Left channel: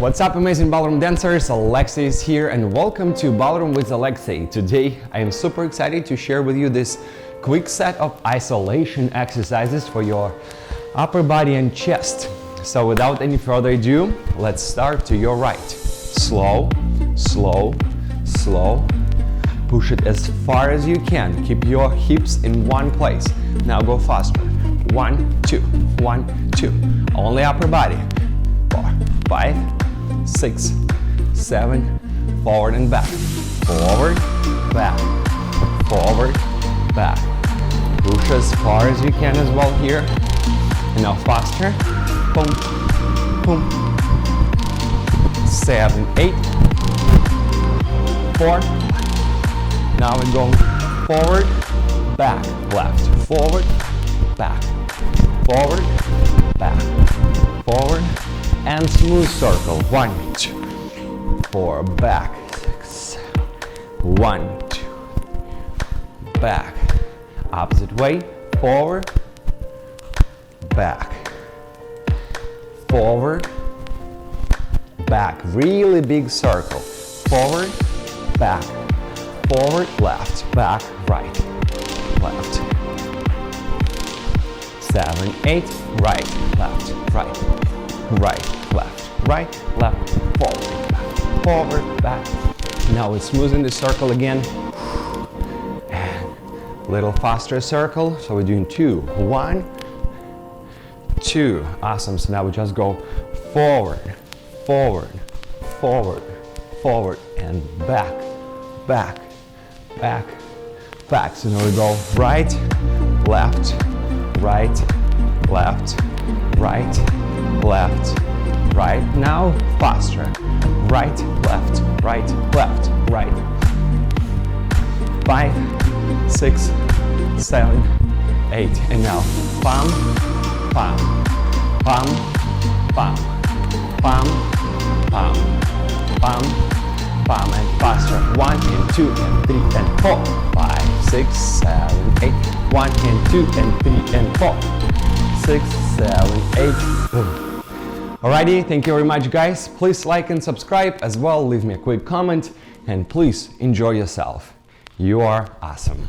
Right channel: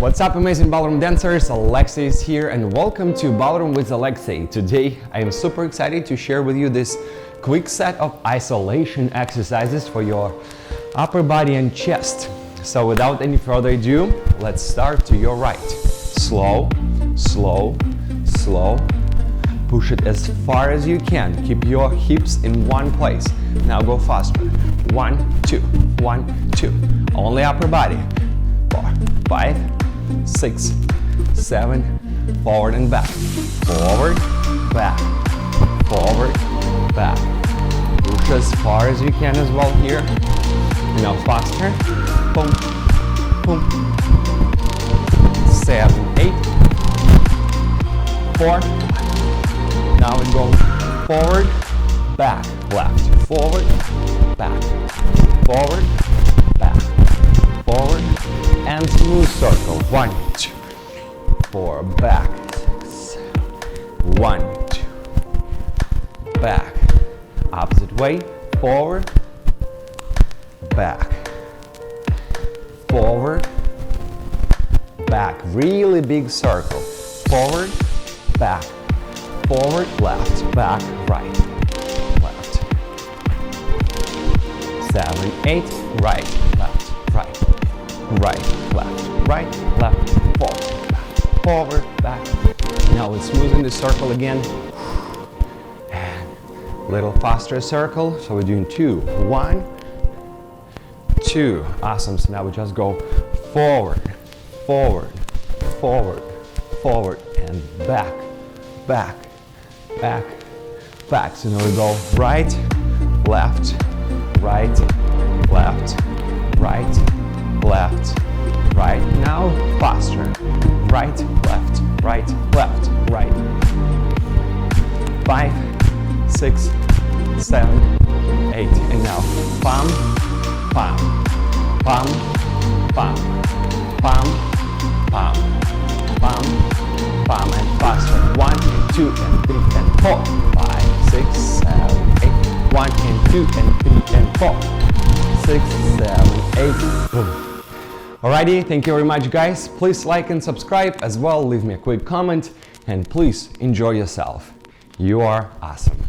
What's up, amazing ballroom dancers? Alexey is here and welcome to Ballroom with Alexey. Today I am super excited to share with you this quick set of isolation exercises for your upper body and chest. So without any further ado, let's start to your right. Slow, slow, slow. Push it as far as you can. Keep your hips in one place. Now go faster. 1, 2, 1, 2. Only upper body. 4, 5, 6, 7, forward and back. Forward, back, forward, back. Push as far as you can as well here. And now faster. Boom, boom. 7, 8, 4. Now we go forward, back, left, forward, back, forward, back, forward, and smooth circle. 1, 2, 4, back, 6, 1, 2, back, opposite way, forward, back, forward, back, really big circle, forward, back, forward, left, back, right, left, 7, 8, right, left, right, right, left, right, left, forward, back, forward, back. Now we're smoothing the circle again. And a little faster circle. So we're doing 2, 1, 2. Awesome. So now we just go forward, forward, forward, forward, and back, back, back, back. So now we go right, left, right, left, right, left, right. Now faster. Right, left, right, left, right. 5, 6, 7, 8. And now palm, palm, palm, palm, palm, palm, palm, palm, and faster. 1 and 2 and 3 and 4. 5, 6, 7, 8. 1 and 2 and 3 and 4. 6, 7, 8. Boom. Alrighty, thank you very much, guys. Please like and subscribe as well. Leave me a quick comment and please enjoy yourself. You are awesome.